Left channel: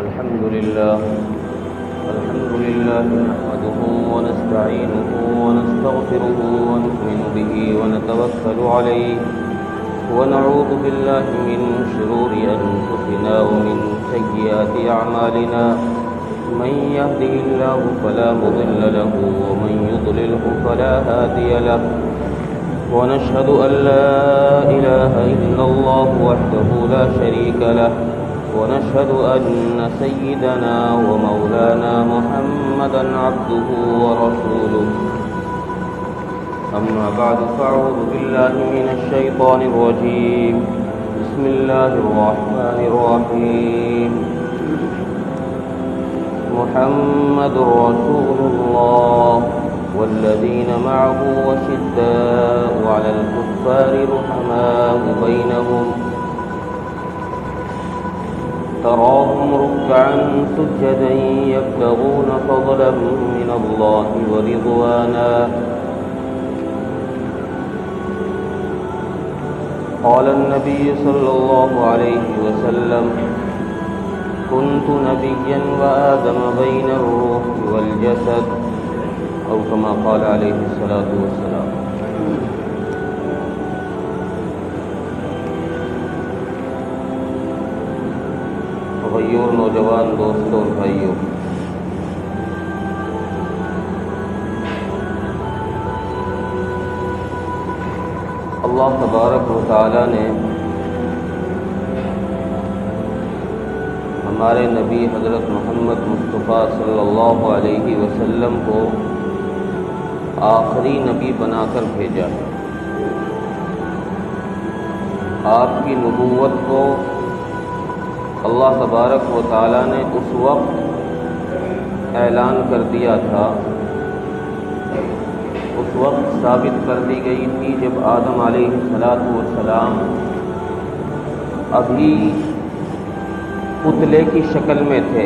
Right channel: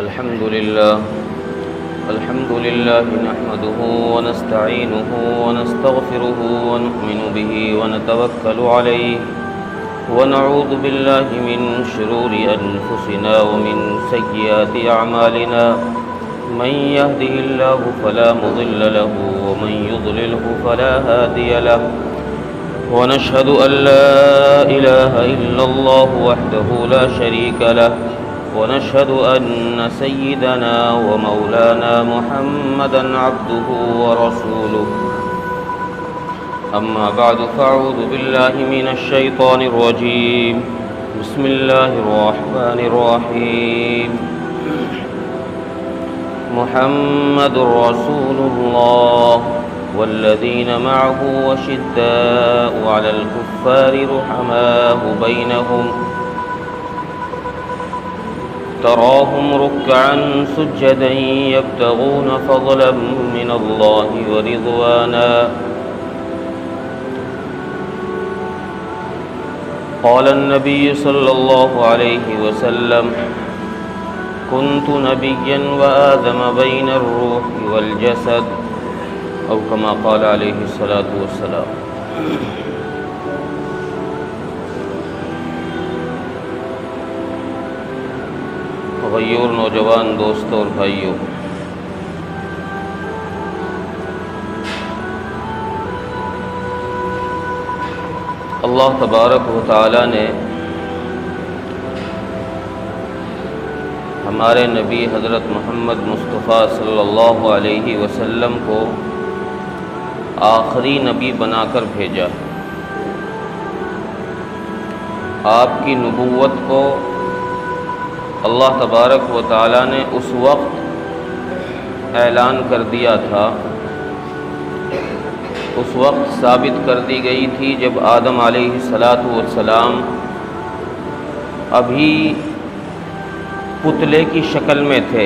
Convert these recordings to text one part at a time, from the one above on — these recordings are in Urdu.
الحمد لله نحمده ونستعينه ونستغفره ونؤمن به ونتوكل عليه ونعوذ بالله من شرور أنفسنا ومن سيئات أعمالنا من يهده الله فلا مضل له ومن يضلله فلا هادي له ونشهد أن لا إله إلا الله وحده لا شريك له ونشهد أن سيدنا ومولانا محمدا عبده ورسوله أما بعد فأعوذ بالله من الشيطان الرجيم بسم الله الرحمن الرحيم محمد رسول الله والذين معه وشداء على الكفار رحماء بينهم تراهم ركعا سجدا يبتغون فضلا من الله ورضوانا قال النبي صلى الله عليه وسلم كنت نبيا وآدم بين الروح والجسد أو كما قال عليه الصلاة والسلام. غیور نوجوان دوستوں اور بھائیوں، اللہ تبارک و تعالی نے ہمارے نبی حضرت محمد مصطفیٰ صلی اللہ علیہ وسلم کو آخری نبی بنا کر بھیجا. آپ کی نبوت کو اللہ تبارک و تعالی نے اس وقت اعلان کر دیا تھا، اس وقت ثابت کر دی گئی تھی جب آدم علیہ السلام ابھی پتلے کی شکل میں تھے.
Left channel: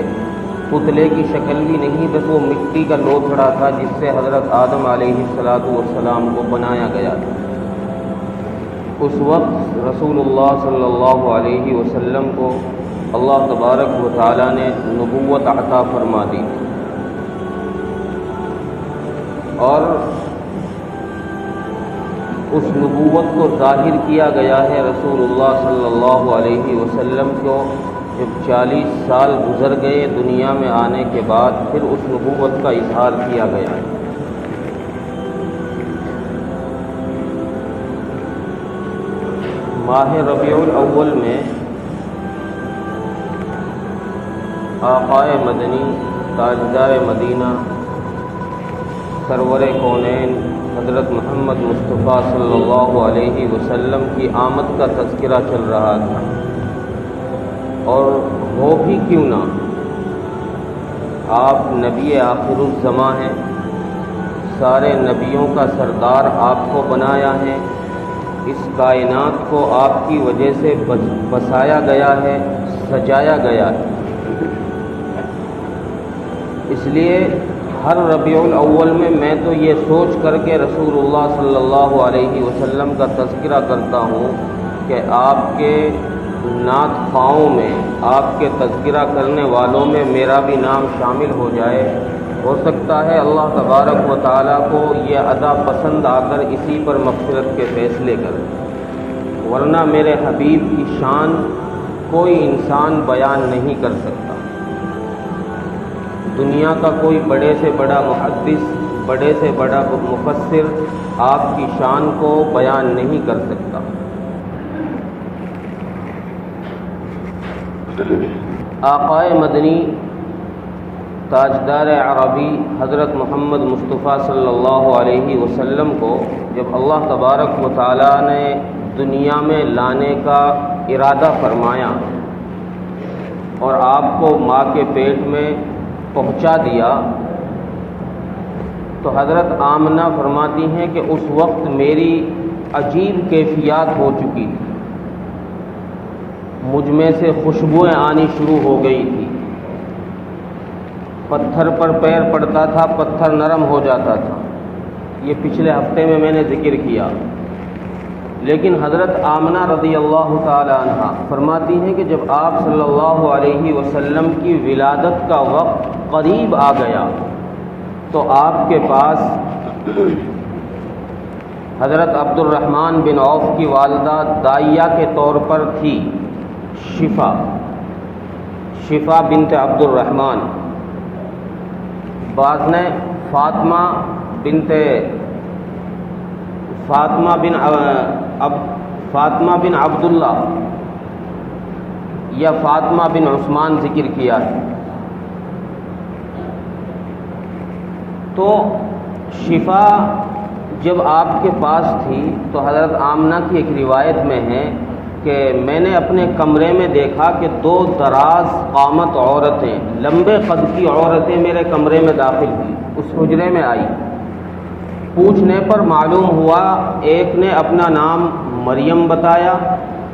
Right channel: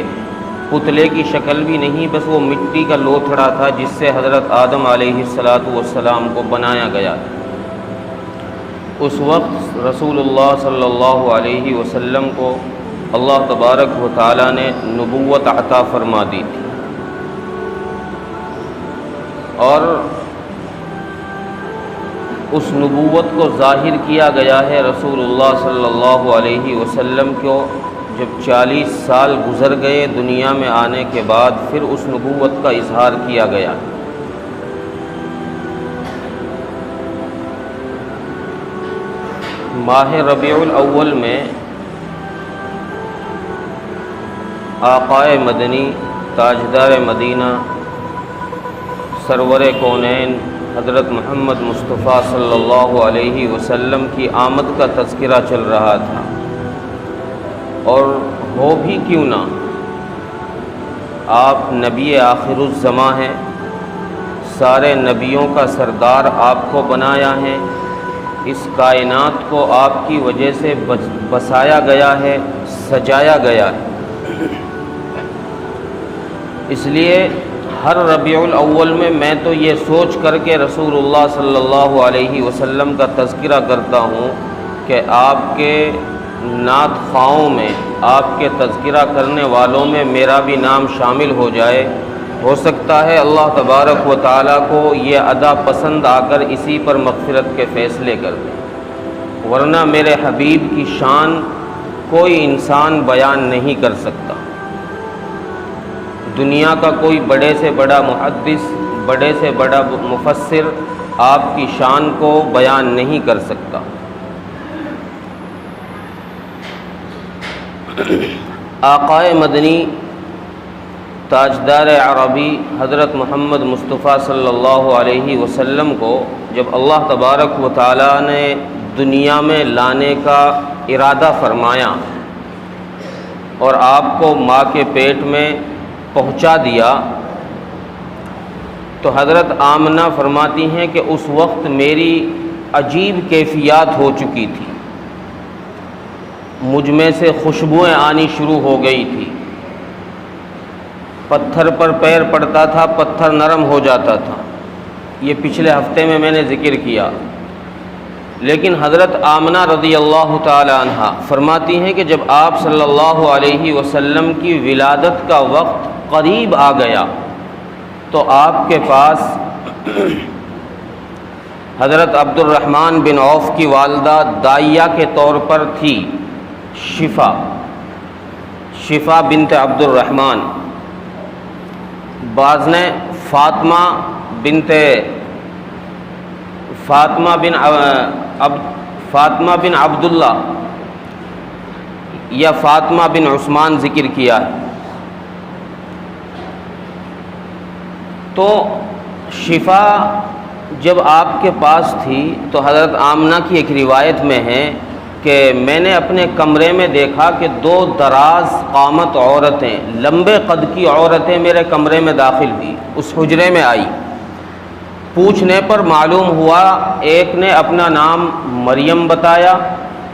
پتلے کی شکل بھی نہیں، بس وہ مٹی کا لوتھڑا تھا جس سے حضرت آدم علیہ السلام کو بنایا گیا تھا. اس وقت رسول اللہ صلی اللہ علیہ وسلم کو اللہ تبارک و تعالی نے نبوت عطا فرما دی تھی، اور اس نبوت کو ظاہر کیا گیا ہے رسول اللہ صلی اللہ علیہ وسلم کو جب 40 سال گزر گئے دنیا میں آنے کے بعد، پھر اس نبوت کا اظہار کیا گیا. ماہ ربیع الاول میں آقائے مدنی تاجدار مدینہ سرور کونین حضرت محمد مصطفیٰ صلی اللہ علیہ وسلم کی آمد کا تذکرہ چل رہا تھا. اور ہو بھی کیوں نہ، آپ نبی آخر الزماں ہیں، سارے نبیوں کا سردار آپ کو بنایا ہے، اس کائنات کو آپ کی وجہ سے بسایا گیا ہے، سجایا گیا ہے. اس لیے ہر ربیع الاول میں تو یہ سوچ کر کے رسول اللہ صلی اللہ علیہ وسلم کا تذکرہ کرتا ہوں کہ آپ کے نعت خواہوں میں، آپ کے تذکرہ کرنے والوں میں میرا بھی نام شامل ہو جائے. ہو سکتا ہے اللہ تبارک و تعالیٰ کو یہ ادا پسند آ کر اسی پر مغفرت کے فیصلے کر دے، ورنہ میرے حبیب کی شان کوئی انسان بیان نہیں کر سکتا. دنیا کا کوئی بڑے سے بڑا محدث، بڑے سے بڑا مفسر آپ کی شان کو بیان نہیں کر سکتا. آقائے مدنی تاجدار عربی حضرت محمد مصطفیٰ صلی اللہ علیہ وسلم کو جب اللہ تبارک و تعالی نے دنیا میں لانے کا ارادہ فرمایا اور آپ کو ماں کے پیٹ میں پہنچا دیا، تو حضرت آمنہ فرماتی ہیں کہ اس وقت میری عجیب کیفیات ہو چکی تھی، مجھ میں سے خوشبوئیں آنی شروع ہو گئی تھی. پتھر پر پیر پڑتا تھا، پتھر نرم ہو جاتا تھا. یہ پچھلے ہفتے میں نے ذکر کیا. لیکن حضرت آمنہ رضی اللہ تعالی عنہ فرماتی ہیں کہ جب آپ صلی اللہ علیہ وسلم کی ولادت کا وقت قریب آ گیا تو آپ کے پاس حضرت عبد الرحمن بن عوف کی والدہ دائیہ کے طور پر تھی شفا بنت عبد الرحمن، بعض نے فاطمہ بن عبداللہ یا فاطمہ بن عثمان ذکر کیا ہے۔ تو شفا جب آپ کے پاس تھی تو حضرت آمنہ کی ایک روایت میں ہے کہ میں نے اپنے کمرے میں دیکھا کہ دو دراز قامت عورتیں، لمبے قد کی عورتیں میرے کمرے میں داخل ہوئی، اس حجرے میں آئی۔ پوچھنے پر معلوم ہوا ایک نے اپنا نام مریم بتایا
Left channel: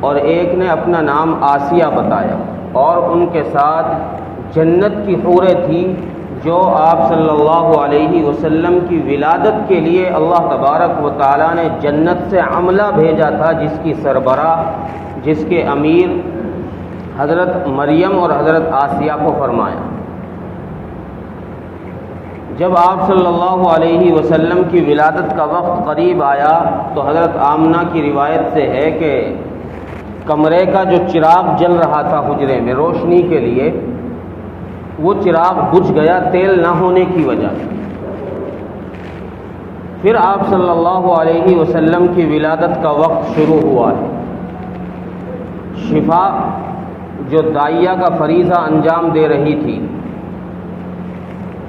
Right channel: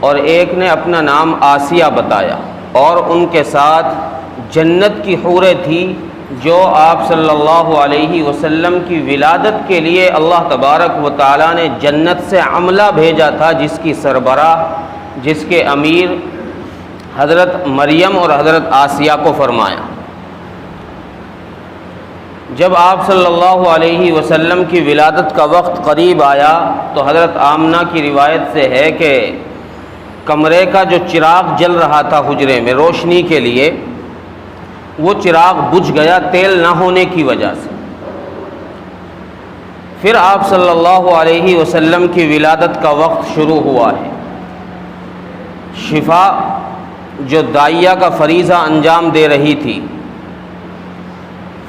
اور ایک نے اپنا نام آسیہ بتایا، اور ان کے ساتھ جنت کی حوریں تھیں جو آپ صلی اللہ علیہ وسلم کی ولادت کے لیے اللہ تبارک و تعالیٰ نے جنت سے عملہ بھیجا تھا، جس کی سربراہ، جس کے امیر حضرت مریم اور حضرت آسیہ کو فرمایا۔ جب آپ صلی اللہ علیہ وسلم کی ولادت کا وقت قریب آیا تو حضرت آمنہ کی روایت سے ہے کہ کمرے کا جو چراغ جل رہا تھا حجرے میں روشنی کے لیے، وہ چراغ بجھ گیا تیل نہ ہونے کی وجہ سے۔ پھر آپ صلی اللہ علیہ وسلم کی ولادت کا وقت شروع ہوا ہے۔ شفا جو دائیہ کا فریضہ انجام دے رہی تھی،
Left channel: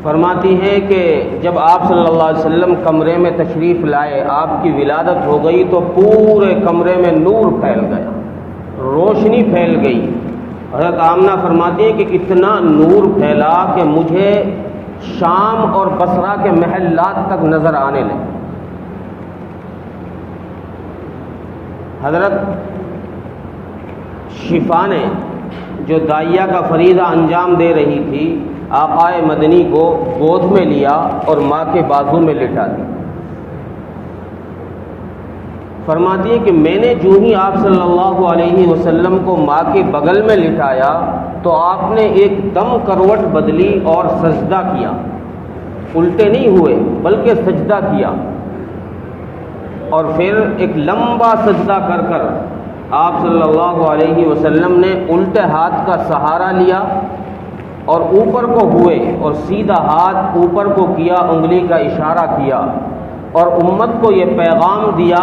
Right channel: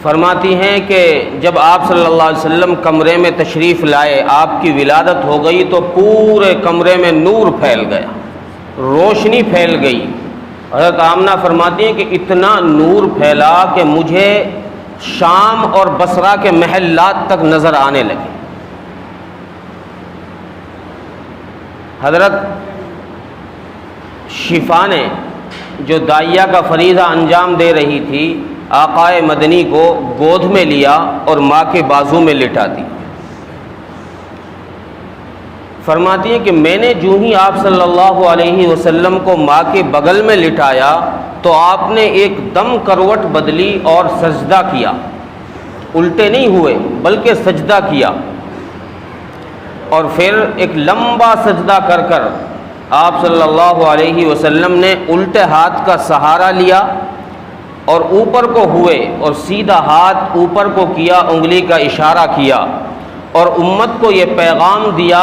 فرماتی ہیں کہ جب آپ صلی اللہ علیہ وسلم کمرے میں تشریف لائے، آپ کی ولادت ہو گئی تو پورے کمرے میں نور پھیل گیا، روشنی پھیل گئی۔ حضرت آمنہ فرماتی ہیں کہ اتنا نور پھیلا کہ مجھے شام اور بصرہ کے محلات تک نظر آنے لگے۔ حضرت شفا نے جو دائیہ کا فریضہ انجام دے رہی تھی، آقائے مدنی کو گود میں لیا اور ماں کے بازو میں لٹا دی۔ فرماتی ہے کہ میں نے جو ہی آپ صلی اللہ علیہ وسلم کو ماں کے بغل میں لٹایا تو آپ نے ایک دم کروٹ بدلی اور سجدہ کیا، الٹے نہیں ہوئے بلکہ سجدہ کیا، اور پھر ایک لمبا سجدہ کر کر آپ صلی اللہ علیہ وسلم نے الٹے ہاتھ کا سہارا لیا اور اوپر کو ہوئے اور سیدھا ہاتھ اوپر کو کیا، انگلی کا اشارہ کیا، اور امت کو یہ پیغام دیا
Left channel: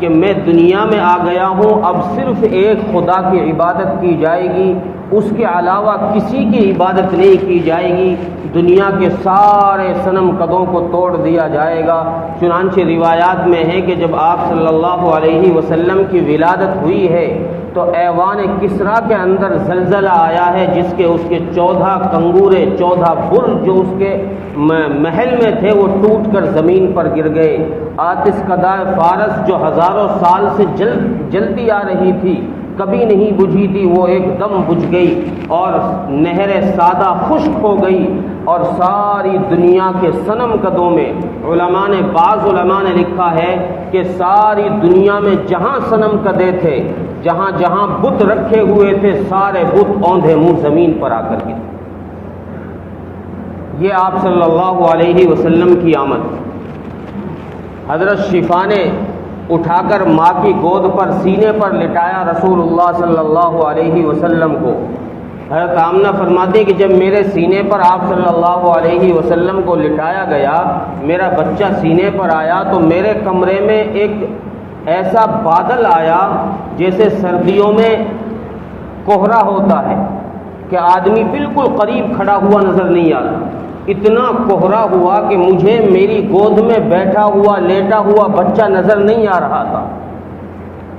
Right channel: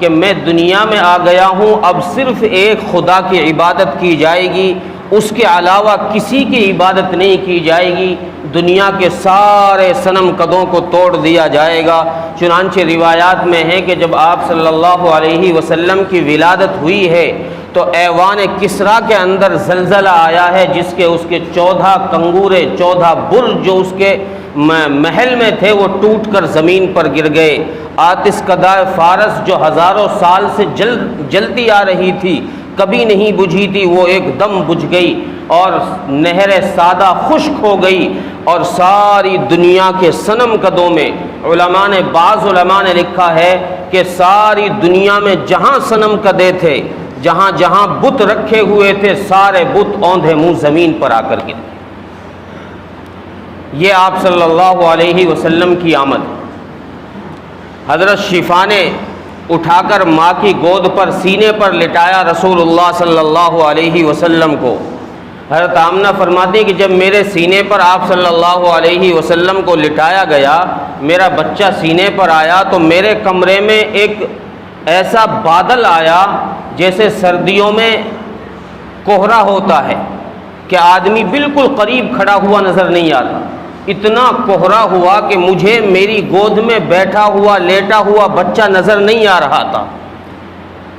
کہ میں دنیا میں آ گیا ہوں، اب صرف ایک خدا کی عبادت کی جائے گی، اس کے علاوہ کسی کی عبادت نہیں کی جائے گی، دنیا کے سارے صنم قدوں کو توڑ دیا جائے گا۔ چنانچہ روایات میں ہے کہ جب آپ صلی اللہ علیہ وسلم کی ولادت ہوئی ہے تو ایوان کسریٰ کے اندر زلزلہ آیا ہے، جس کے اس کے 14 کنگورے، 14 بل جو اس کے محل میں تھے وہ ٹوٹ کر زمین پر گر گئے۔ آتش کدہ فارس جو ہزاروں سال سے جلتی آ رہی تھی، کبھی نہیں بجھی تھی، وہ ایک دم بجھ گئی، اور نہر سادہ خشک ہو گئی، اور ساری دنیا کے صنم قدوں میں بعض علماء نے لکھا ہے کہ ساری دنیا میں جہاں صنم قدے تھے، جہاں جہاں بت رکھے ہوئے تھے، سارے بت اوندھے منہ زمین پر آ کر گرے۔ یہ آپ صلی اللہ علیہ وسلم کی آمد۔ حضرت شفا نے اٹھا کر ماں کی گود پر سینے پر لٹایا رسول اللہ صلی اللہ علیہ وسلم کو۔ حضرت آمنہ فرماتے کہ جب میرے سینے پر آپ صلی اللہ علیہ وسلم کو لٹایا گیا، میرا بچہ سینے پر آیا تو میرے کمرے میں ایک ایسا بادل آیا جیسے سردیوں میں کوہرا ہوتا ہے کہ آدمی بالکل قریب کھڑا ہوا نظر نہیں آتا، اتنا کوہرا ہوا کہ مجھے میری گود میں بیٹھا ہوا لیٹا ہوا بچہ نظر نہیں آ رہا تھا،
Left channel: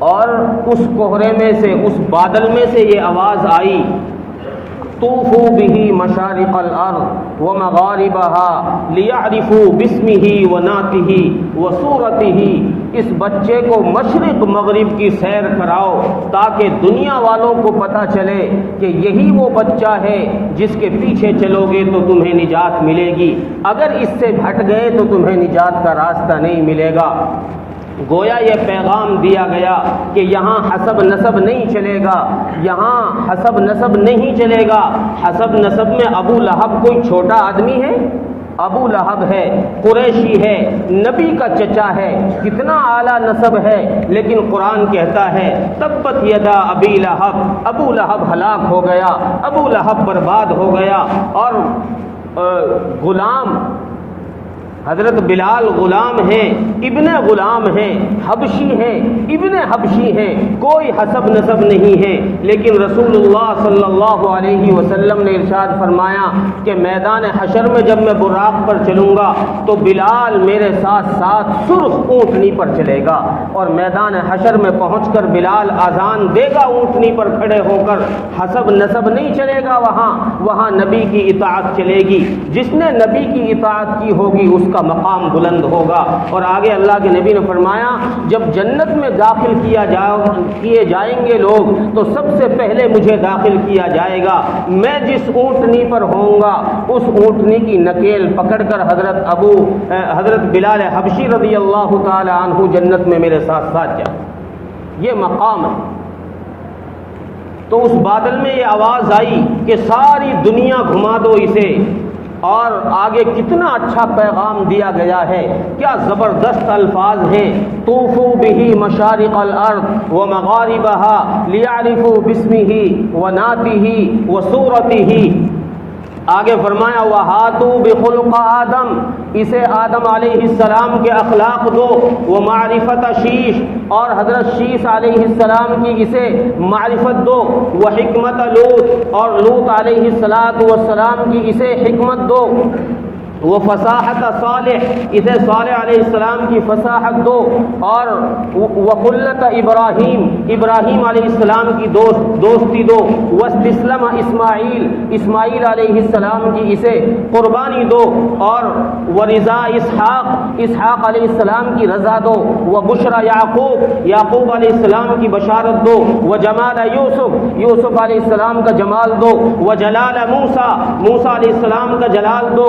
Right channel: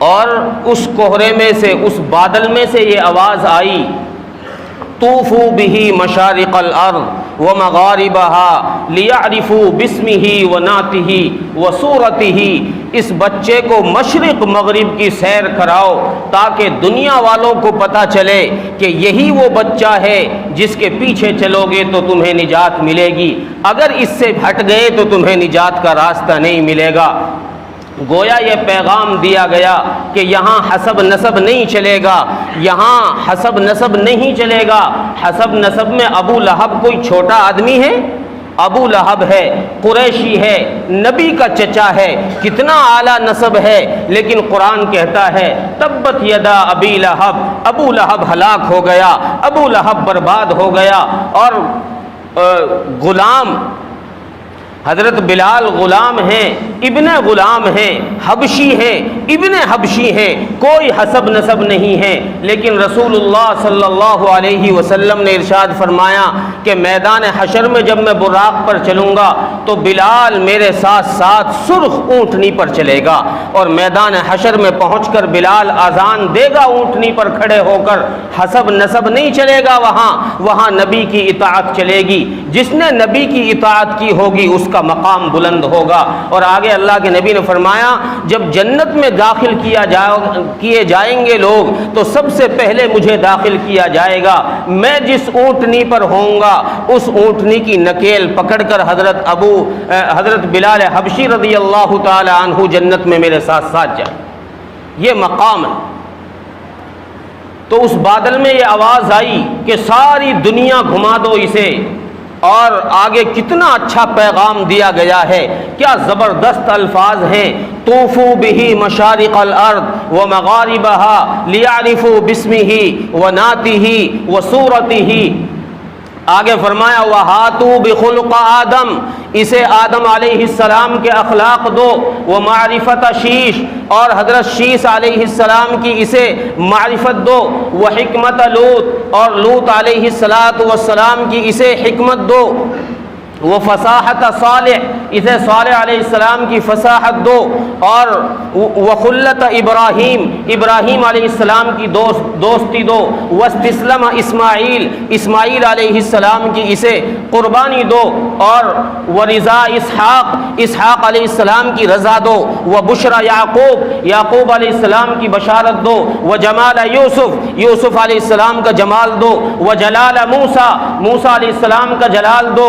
اور اس کوہرے میں سے، اس بادل میں سے یہ آواز آئی، طوفوا به مشارق الارض ومغاربها ليعرفوا باسمه ونعته وصورته، اس بچے کو مشرق مغرب کی سیر کراؤ تاکہ دنیا والوں کو پتہ چلے کہ یہی وہ بچہ ہے جس کے پیچھے چلو گے تو تمہیں نجات ملے گی، اگر اس سے ہٹ گئے تو تمہیں نجات کا راستہ نہیں ملے گا۔ گویا یہ پیغام دیا گیا کہ یہاں حسب نسب نہیں چلے گا، یہاں حسب نسب نہیں چلے گا۔ حسب نسب میں ابو لہب کوئی چھوٹا آدمی ہے؟ ابو لہب ہے، قریشی ہے، نبی کا چچا ہے، کتنا اعلیٰ نسب ہے، لیکن قرآن کہتا ہے تبت یدا ابی لہب، ابو لہب ہلاک ہو گیا، ابو لہب برباد ہو گیا۔ اور غلام حضرت بلال غلام ہیں، ابن غلام ہیں، حبشی ہے، ابن حبشی ہے، کوئی حسب نسب نہیں ہے، لیکن رسول اللہ صلی اللہ علیہ وسلم نے ارشاد فرمایا کہ میدان حشر میں جب میں براق پر چلوں گا تو بلال میرے ساتھ ساتھ سرخ اونٹنی پر چلے گا، اور میدان حشر میں پہنچ کر بلال اذان دے گا اونٹنی پر کھڑے ہو کر۔ حسب نسب نہیں چلے گا، وہاں نبی کی اطاعت چلے گی، جس نے نبی کی اطاعت کی ہوگی اس کا مقام بلند ہوگا۔ اور آگے اللہ کے نبی نے فرمایا جب جنت میں داخل کیے جائیں گے لوگ تو سب سے پہلے مجھے داخل کیا جائے گا، میں جس اونٹنی پر ہوں گا اس اونٹنی کی نکیل پکڑ کر حضرت بلال حبشی رضی اللہ تعالی عنہ جنت میں میرے ساتھ ساتھ جائیں۔ یہ مقام ہے۔ تو اس بادل میں یہ آواز آئی کہ ساری دنیا گھما دو اسے، اور آگے کتنا اچھا پیغام دیا گیا ہے، کیا زبردست الفاظ ہیں۔ طوفوا به مشارق الارض ومغاربها لیعرفوا باسمه ونعته وصورته۔ آگے فرمایا وَهَاتُوا بِخُلُقَ آدم، اسے آدم علیہ السلام کے اخلاق دو، ومعرفت شیش، اور حضرت شیش علیہ السلام کی اسے معرفت دو، وحکمت لوط، اور لوط علیہ السلام کی اسے حکمت دو، وہ فصاحت صالح، اسے صالح علیہ السلام کی فصاحت دو، اور وخلت ابراہیم، ابراہیم علیہ السلام کی دوستی دو، واستسلم اسماعیل، اسماعیل علیہ السلام کی اسے قربانی دو، اور ورضا اسحاق، اسحاق علیہ السلام کی رضا دو، وبشرى یعقوب، یعقوب علیہ السلام کی بشارت دو، وجمال یوسف، یوسف علیہ السلام کا جمال دو، وجلال موسیٰ، موسیٰ علیہ السلام کا جلال دو،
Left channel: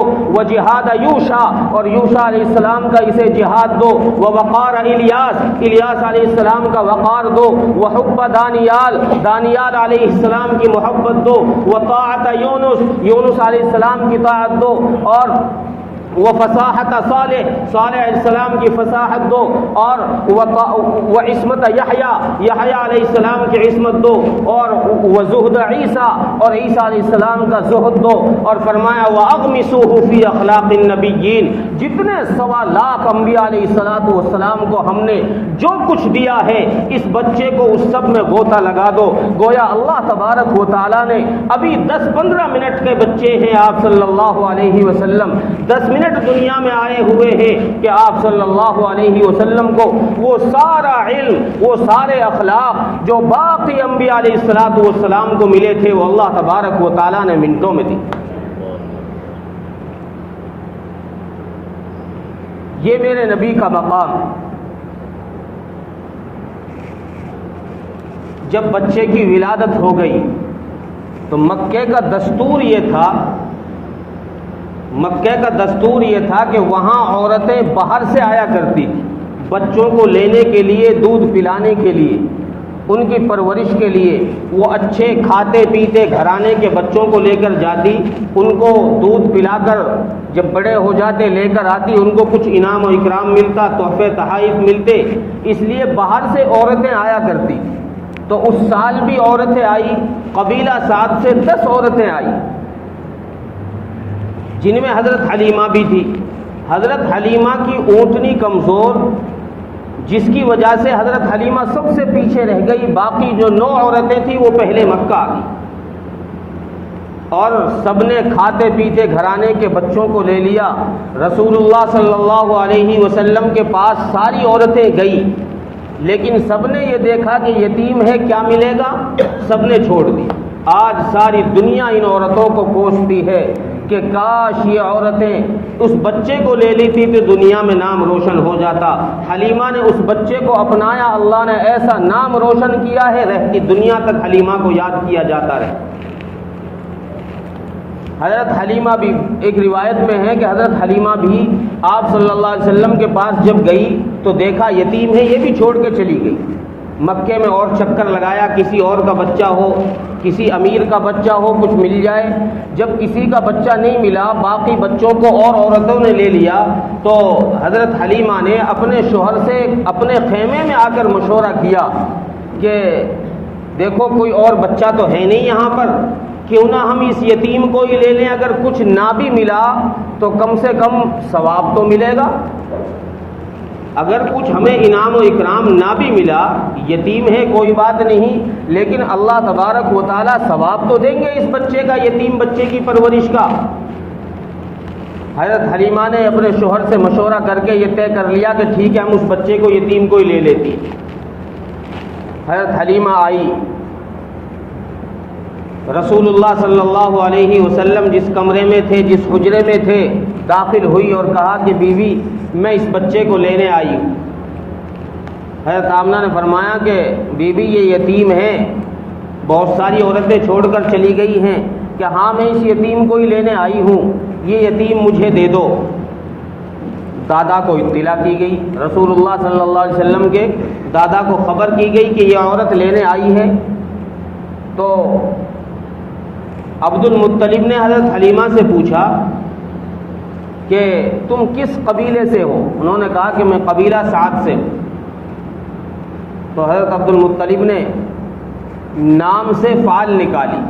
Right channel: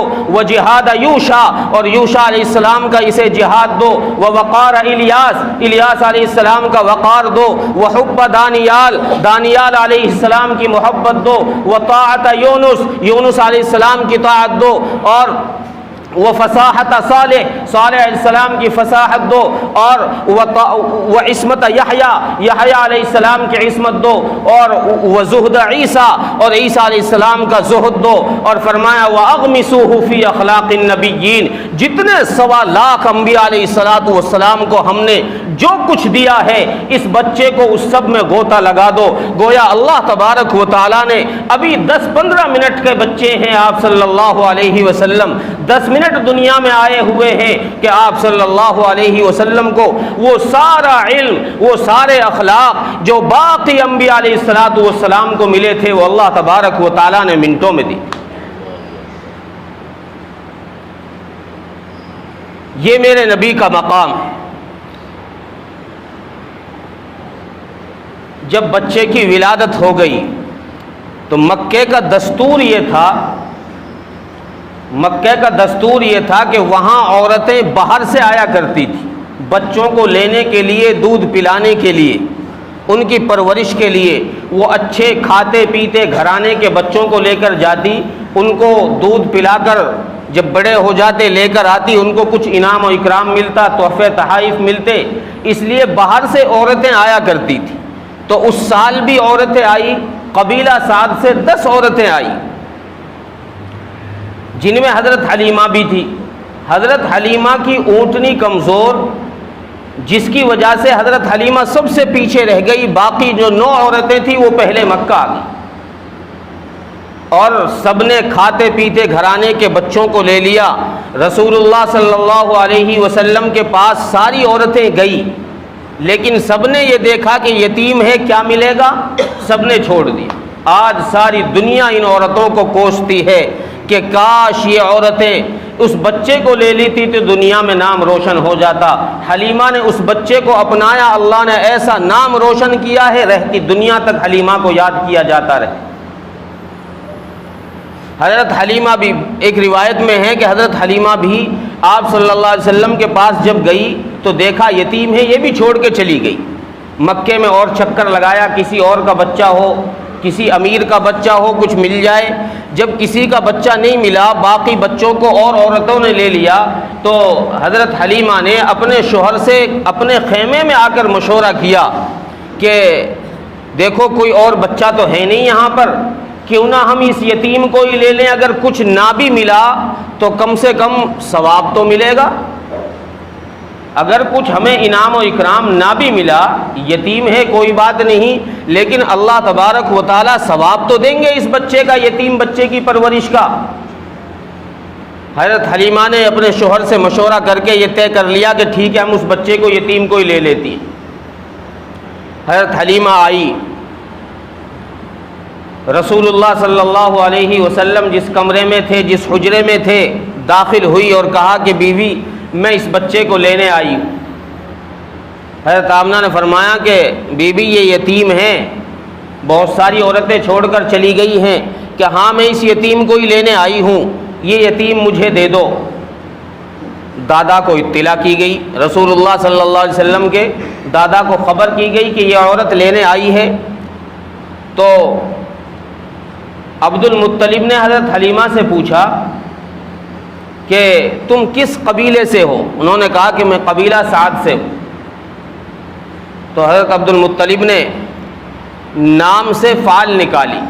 جہاد یوشا، اور یوشا علیہ السلام کا اسے جہاد دو، ووقار الیاس، الیاس علیہ السلام کا وقار دو، وحب دانیال، دانیال علیہ السلام کی محبت دو، وطاعت یونس، یونس علیہ السلام کی طاعت دو، اور وفصاحت صالح، صالح علیہ السلام کی فصاحت دو، اور وعصمت یحییٰ، یحییٰ علیہ السلام کی عصمت دو، اور وزہد عیسیٰ، اور عیسیٰ علیہ السلام کا زہد دو، اور فرمایا وَأَغْمِسُوهُ فِي أَخْلَاقِ النَّبِيِّينَ، جتنے 1.25 لاکھ انبیاء علیہ السلام کو ہم نے جو کچھ دیا ہے اس بچے کو اس سب میں غوطہ لگا دو۔ گویا اللہ تبارک و تعالیٰ نے ابھی 10-15 منٹ کے بچے ہیں آپ صلی اللہ علیہ وسلم، 10 منٹ دنیا میں آئے ہوئے ہیں کہ آپ صلی اللہ علیہ وسلم کو وہ سارا علم، وہ سارے اخلاق جو باقی انبیاء علیہ السلام کو ملے تھے وہ اللہ تبارک و تعالیٰ نے منٹوں میں دی۔ یہ میرے نبی کا مقام ہے۔ جب بچے کی ولادت ہو گئی تو مکے کا دستور یہ تھا کہ وہاں عورتیں باہر سے آیا کرتی تھی بچوں کو لینے کے لیے، دودھ پلانے کے لیے، ان کی پرورش کے لیے۔ وہ اچھے کھاتے پیتے گھرانے کے بچوں کو لے کر جاتی، ان کو دودھ پلا کر جب بڑے ہو جاتے لے کر آتی، ان کو کچھ انعام و اکرام ملتا، تحفے تحائف ملتے، اس لیے باہر سے عورتیں آیا کرتی تھی۔ تو اس سال بھی عورتیں آئی، قبیلہ سعد سے 10 عورتیں آئی، جن میں حضرت حلیمہ بھی تھی۔ حضرت حلیمہ کی اونٹنی کمزور، جس کی وجہ سے حضرت حلیمہ سب سے پیچھے رہ گئی، باقی جو 9 عورتیں تھیں وہ پہلے مکہ آ گئی، اور سب نے کھاتے پیتے گھرانے کے بچوں کو لے لیا۔ رسول اللہ صلی اللہ علیہ وسلم کے پاس ساری عورتیں گئی، لیکن سب نے یہ دیکھا کہ یتیم ہے، کیا ملے گا، سب نے چھوڑ دیا۔ آج ساری دنیا ان عورتوں کو کوستی ہے کہ کاش یہ عورتیں اس بچے کو لے لیتی تو دنیا میں نام روشن ہو جاتا۔ حلیمہ نے اس بچے کو اپنایا، اللہ نے ایسا نام روشن کیا ہے رہتی دنیا تک حلیمہ کو یاد کیا جاتا رہے۔ حضرت حلیمہ بھی، ایک روایت میں ہے کہ حضرت حلیمہ بھی آپ صلی اللہ علیہ وسلم کے پاس جب گئی تو دیکھا یتیم ہے، یہ بھی چھوڑ کے چلی گئی۔ مکے میں اور چکر لگایا، کسی اور کا بچہ ہو، کسی امیر کا بچہ ہو، کچھ مل جائے۔ جب کسی کا بچہ نہیں ملا، باقی بچوں کو اور عورتوں نے لے لیا، تو حضرت حلیمہ نے اپنے شوہر سے اپنے خیمے میں آ کر مشورہ کیا کہ دیکھو کوئی اور بچہ تو ہے نہیں یہاں پر، کیوں نہ ہم اس یتیم کو ہی لے لیں، اگر کچھ نہ بھی ملا تو کم سے کم ثواب تو ملے گا۔ اگر کچھ ہمیں انعام و اکرام نہ بھی ملا، یتیم ہے کوئی بات نہیں، لیکن اللہ تبارک و تعالی ثواب تو دیں گے اس بچے کا، یتیم بچے کی پرورش کا۔ حضرت حلیمہ نے اپنے شوہر سے مشورہ کر کے یہ طے کر لیا کہ ٹھیک ہے، ہم اس بچے کو، یتیم کو ہی لے لیتی ہیں۔ حضرت حلیمہ آئی، رسول اللہ صلی اللہ علیہ وسلم جس کمرے میں تھے، جس حجرے میں تھے، داخل ہوئی اور کہا کہ بیوی میں اس بچے کو لینے آئی ہوں۔ حضرت آمنہ نے فرمایا کہ بیوی یہ یتیم ہے، بہت ساری عورتیں چھوڑ کر چلی گئی ہیں، کہ ہاں میں اس یتیم کو ہی لینے آئی ہوں، یہ یتیم مجھے دے دو۔ دادا کو اطلاع کی گئی، رسول اللہ صلی اللہ علیہ وسلم کے دادا کو خبر کی گئی کہ یہ عورت لینے آئی ہے۔ تو عبد المطلب نے حضرت حلیمہ سے پوچھا کہ تم کس قبیلے سے ہو؟ انہوں نے کہا کہ میں قبیلہ سعد سے ہوں۔ تو حضرت عبد المطلب نے نام سے فعل نکالی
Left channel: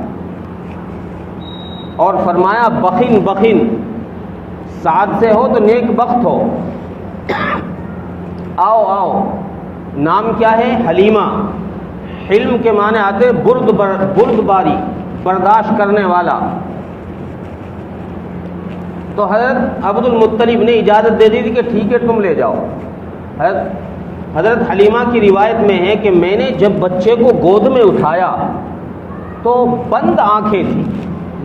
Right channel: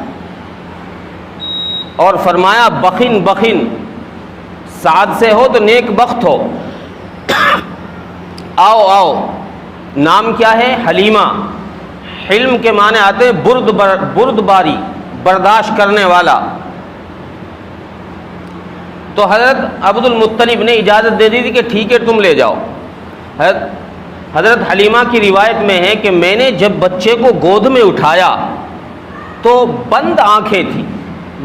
اور فرمایا بخن بخن، سعد سے ہو تو نیک بخت ہو، آؤ آؤ۔ نام کیا ہے؟ حلیمہ۔ حلم کے معنی آتے ہیں برد باری، برداشت کرنے والا۔ تو حضرت عبد المطلب نے اجازت دے دی تھی کہ ٹھیک ہے تم لے جاؤ۔ حضرت حلیمہ کی روایت میں ہے کہ میں نے جب بچے کو گود میں اٹھایا تو بند آنکھیں تھیں،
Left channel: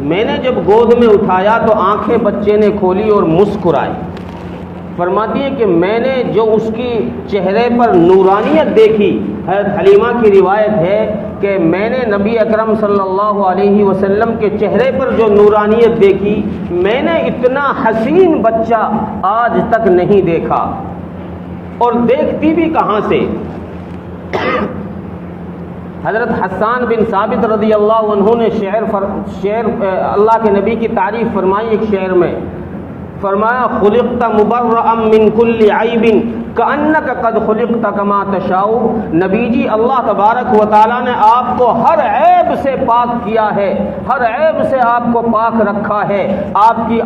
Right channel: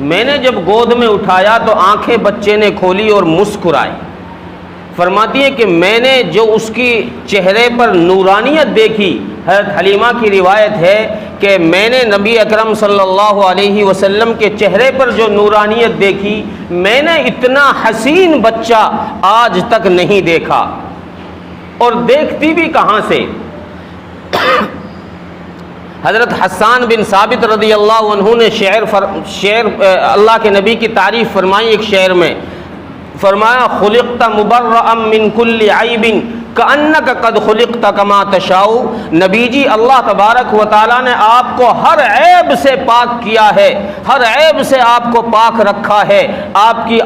میں نے جب گود میں اٹھایا تو آنکھیں بچے نے کھولی اور مسکرائی۔ فرماتی ہے کہ میں نے جو اس کی چہرے پر نورانیت دیکھی، حضرت حلیمہ کی روایت ہے کہ میں نے نبی اکرم صلی اللہ علیہ وسلم کے چہرے پر جو نورانیت دیکھی، میں نے اتنا حسین بچہ آج تک نہیں دیکھا، اور دیکھتی بھی کہاں سے۔ حضرت حسان بن ثابت رضی اللہ عنہ نے شعر اللہ کے نبی کی تعریف فرمائی ایک شعر میں، فرمایا خلقت مبرأ من کل عیب کأنک قد خلقت کما تشاء۔ نبی جی اللہ تبارک و تعالیٰ نے آپ کو ہر عیب سے پاک کیا ہے، ہر عیب سے آپ کو پاک رکھا ہے۔ آپ کی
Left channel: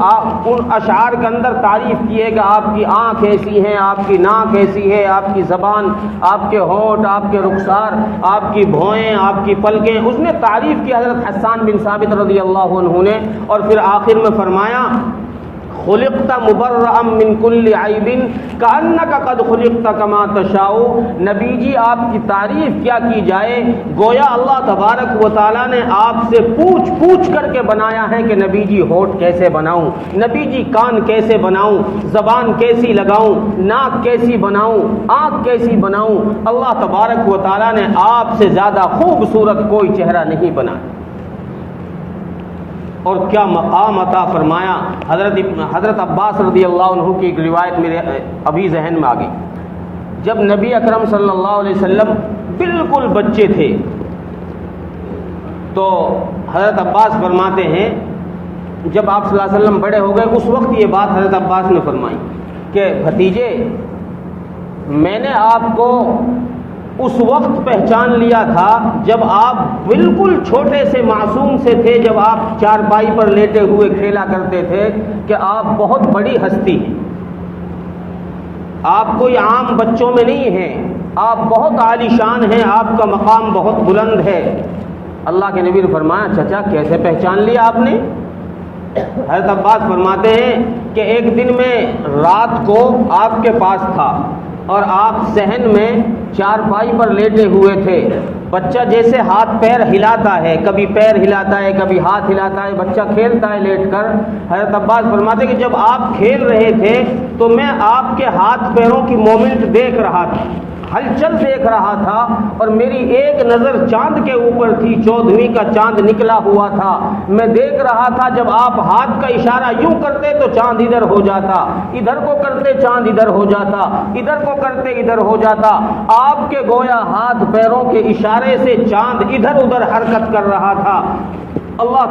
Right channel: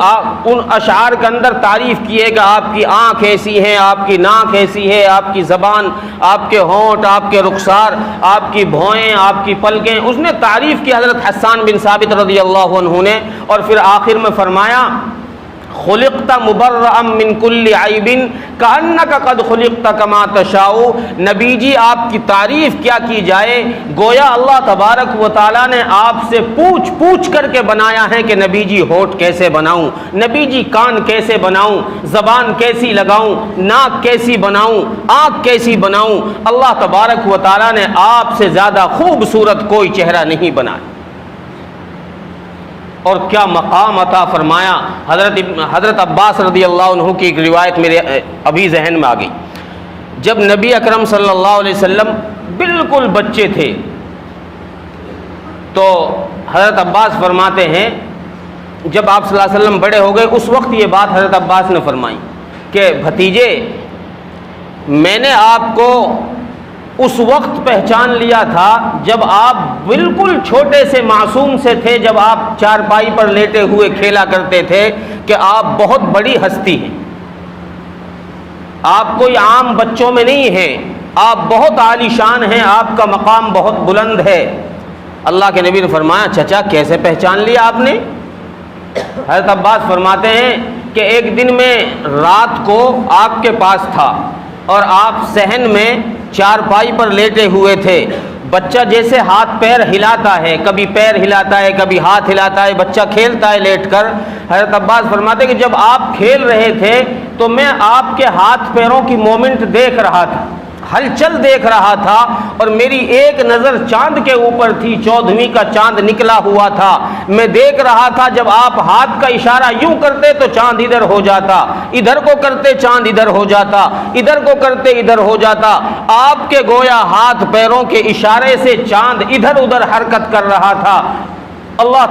ان اشعار کے اندر تعریف کیے گا، آپ کی آنکھ ایسی ہے، آپ کی ناک ایسی ہے، آپ کی زبان، آپ کے ہونٹ، آپ کے رخسار، آپ کی بھوئیں، آپ کی پلکیں، اس نے تعریف کی حضرت حسان بن ثابت رضی اللہ عنہ نے، اور پھر آخر میں فرمایا خلقت مبرأ من کل عیب کأنک قد خلقت کما تشاء۔ نبی جی آپ کی تعریف کیا کی جائے، گویا اللہ تبارک و تعالیٰ نے آپ سے پوچھ پوچھ کر کے بنایا ہے کہ نبی جی ہونٹ کیسے بناؤں، نبی جی کان کیسے بناؤں، زبان کیسی لگاؤں، ناک کیسی بناؤں، آنکھ کیسی بناؤں۔ اللہ تبارک و تعالیٰ نے آپ سے زیادہ خوبصورت کوئی چہرہ نہیں بنایا، اور کیا مقام عطا فرمایا۔ حضرت عباس رضی اللہ عنہ کی ایک روایت میرے ابھی ذہن میں آ گئی، جب نبی اکرم صلی اللہ علیہ وسلم بالکل بچے تھے تو حضرت عباس فرماتے ہیں جب آپ صلی اللہ علیہ وسلم بڑے ہو گئے، اس وقت یہ بات حضرت عباس نے فرمائی کہ بھتیجے میں نے آپ کو اس وقت پہچان لیا تھا جب آپ بالکل چھوٹے سے معصوم سے تھے، جب آپ چارپائی پر لیٹے ہوئے کھیلا کرتے تھے کہ آپ بہت بڑی ہستی ہیں، آپ کوئی عام بچوں میں نہیں ہیں، آپ بہت عالی شان ہیں، آپ کا مقام بہت بلند ہے۔ اللہ کے نبی نے فرمایا چچا کیسے پہچان لیا آپ نے؟ حضرت عباس فرماتے ہیں کہ ایک دن میں رات کو آپ کے پاس تھا اور آپ صحن میں چارپائی پر لیٹے ہوئے تھے، بچہ جیسے ہاتھ پیر ہلاتا ہے، کبھی پیر ہلاتا ہے، کبھی ہاتھ ہلاتا ہے، بچہ کھیلتا ہے لیٹ کر۔ حضرت عباس فرماتے ہیں کہ جب آپ کھیل رہے تھے تو میں آپ کے ہاتھ پیروں کی مومنٹ دیکھ رہا تھا، ہلچل دیکھ رہا تھا اور میری ایک نظر چاند کے اوپر تھی، 14ویں کا چاند نکلا ہوا تھا۔ میں دیکھ رہا تھا جب آپ ہاتھ کا اشارہ یوں کرتے تو چاند ادھر ہو جاتا، ادھر کو کرتے چاند ادھر ہو جاتا، ادھر کو کرتے ادھر ہو جاتا۔ آپ کے گویا ہاتھ پیروں کے اشارے سے چاند ادھر ادھر حرکت کر رہا تھا۔ اللہ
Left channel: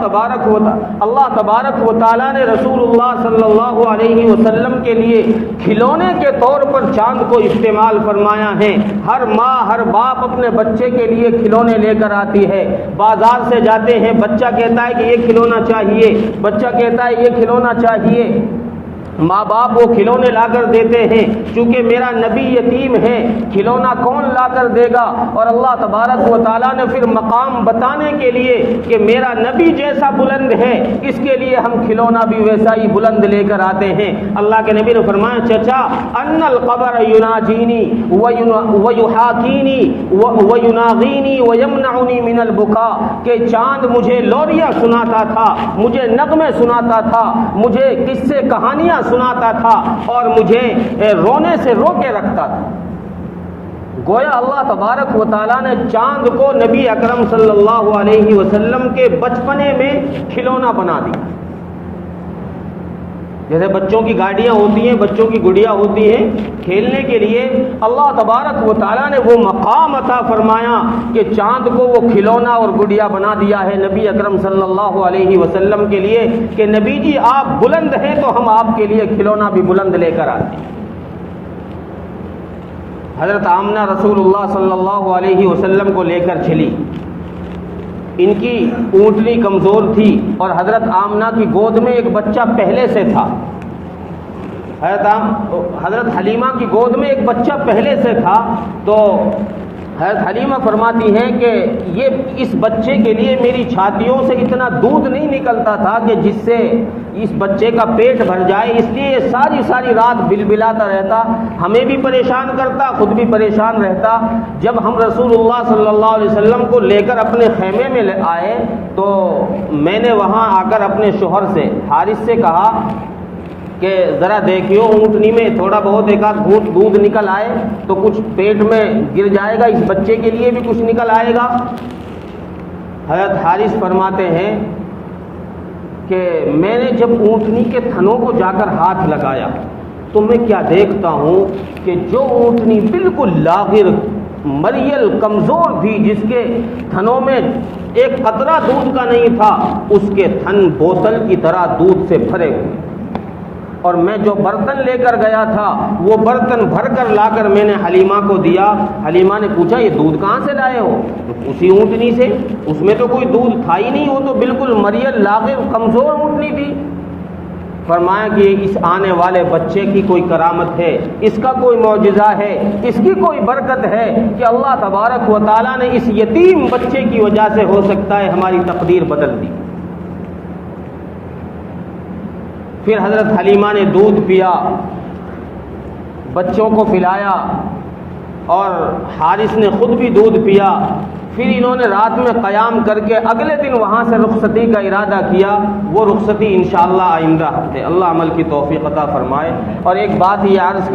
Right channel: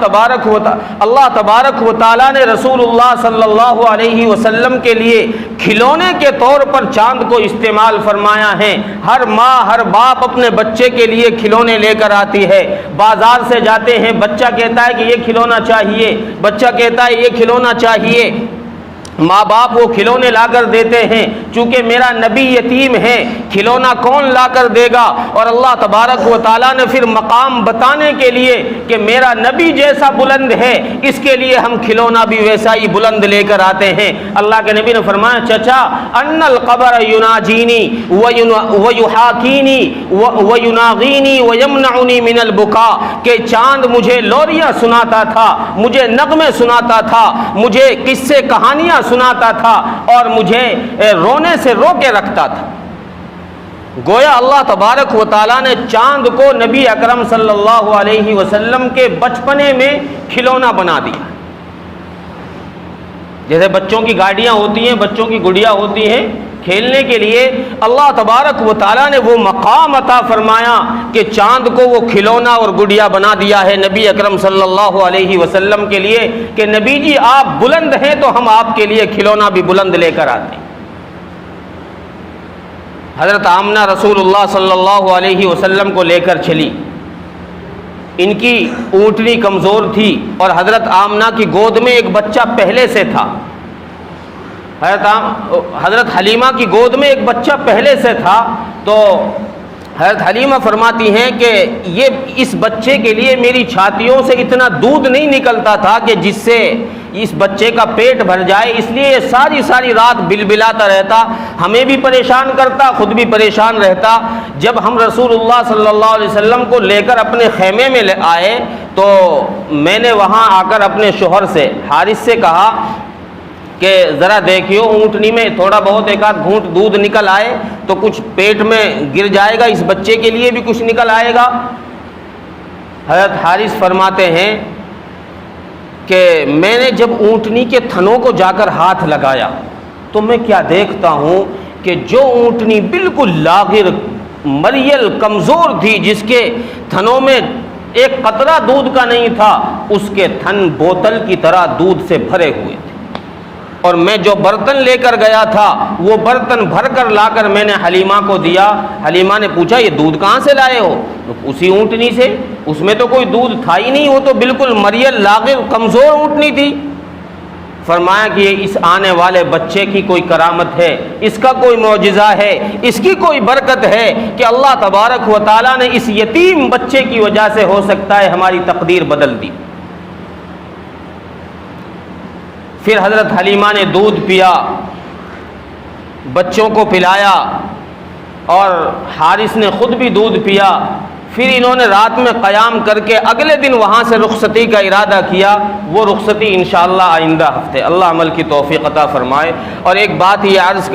تبارک و تعالیٰ نے رسول اللہ صلی اللہ علیہ وسلم کے لیے کھلونے کے طور پر چاند کو استعمال فرمایا ہے۔ ہر ماں ہر باپ اپنے بچے کے لیے کھلونے لے کر آتی ہے، بازار سے جاتے ہیں، بچہ کہتا ہے کہ یہ کھلونا چاہیے، بچہ کہتا ہے یہ کھلونا چاہیے، ماں باپ وہ کھلونے لا کر دیتے ہیں۔ چونکہ میرا نبی یتیم ہے، کھلونا کون لا کر دے گا؟ اور اللہ تبارک و تعالیٰ نے پھر مقام بتانے کے لیے کہ میرا نبی جیسا بلند ہے، اس کے لیے ہم کھلونا بھی ویسا ہی بلند لے کر آتے ہیں۔ اللہ کے نبی نے فرمایا چچا ان القبر یناجینی ویحاکینی ویناغینی ویمنعنی من البکا، کہ چاند مجھے لوریاں سناتا تھا، مجھے نغمے سناتا تھا، مجھے قصے کہانیاں سناتا تھا اور مجھے رونے سے رو کے رکھتا تھا۔ گویا اللہ تبارک و تعالیٰ نے چاند کو نبی اکرم صلی اللہ علیہ وسلم کے بچپنے میں کھلونا بنا دیا۔ جیسے بچوں کی گاڑیاں ہوتی ہیں، بچوں کی گڑیا ہوتی ہیں کھیلنے کے لیے، اللہ تبارک و تعالیٰ نے وہ مقام عطا فرمایا کہ چاند کو وہ کھلونا اور گڑیا بنا دیا ہے نبی اکرم صلی اللہ علیہ وسلم کے لیے کہ نبی جی آپ بلند ہیں تو ہم آپ کے لیے کھلونا بھی بلند لے کر آتے ہیں۔ حضرت آمنہ رسول اللہ صلی اللہ علیہ وسلم کو لے کر چلی، ان کی اونٹنی کمزور تھی اور حضرت آمنہ کی گود میں ایک بچہ پہلے سے تھا۔ حضرت حلیمہ کی گود میں ایک بچہ پہلے سے تھا، تو حضرت حلیمہ فرماتی ہیں کہ اس بچے کے لیے میری چھاتیوں سے اتنا دودھ نہیں نکلتا تھا کہ جس سے اس بچے کا پیٹ بھر جائے، اس لیے یہ ساری رات بلبلاتا رہتا، ہمیں بھی پریشان کرتا، خود بھی پریشان رہتا۔ جب ہم رسول اللہ صلی اللہ علیہ وسلم کو لے کر اپنے خیمے میں آئے تو میں نے وہاں آ کر اپنے شوہر سے حارث سے کہا کہ ذرا دیکھیو اونٹنی میں تھوڑا بہت ایک آدھ گھونٹ دودھ نکل آئے تو کچھ پیٹ میں گر جائے گا، اس بچے کے لیے بھی کچھ نکل آئے گا۔ حضرت حارث فرماتے ہیں کہ میں نے جب اونٹنی کے تھنوں کو جا کر ہاتھ لگایا تو میں کیا دیکھتا ہوں کہ جو اونٹنی بالکل لاغر مریل کمزور تھی، جس کے تھنوں میں ایک قطرہ دودھ کا نہیں تھا، اس کے تھن بوتل کی طرح دودھ سے بھرے ہوئے تھے، اور میں جو برتن لے کر گیا تھا وہ برتن بھر کر لا کر میں نے حلیمہ کو دیا۔ حلیمہ نے پوچھا یہ دودھ کہاں سے لائے ہو؟ اسی اونٹنی سے، اس میں تو کوئی دودھ تھا ہی نہیں، وہ تو بالکل مریل لاغر کمزور اونٹنی تھی۔ فرمایا کہ اس آنے والے بچے کی کوئی کرامت ہے، اس کا کوئی معجزہ ہے، اس کی کوئی برکت ہے کہ اللہ تبارک و تعالیٰ نے اس یتیم بچے کی وجہ سے ہو سکتا ہے ہماری تقدیر بدل دی۔ پھر حضرت حلیمہ نے دودھ پیا، بچوں کو پلایا، اور حارث نے خود بھی دودھ پیا۔ پھر انہوں نے رات میں قیام کر کے اگلے دن وہاں سے رخصتی کا ارادہ کیا۔ وہ رخصتی انشاءاللہ آئندہ ہفتے، اللہ عمل کی توفیق عطا فرمائے۔ اور ایک بات یہ عرض کر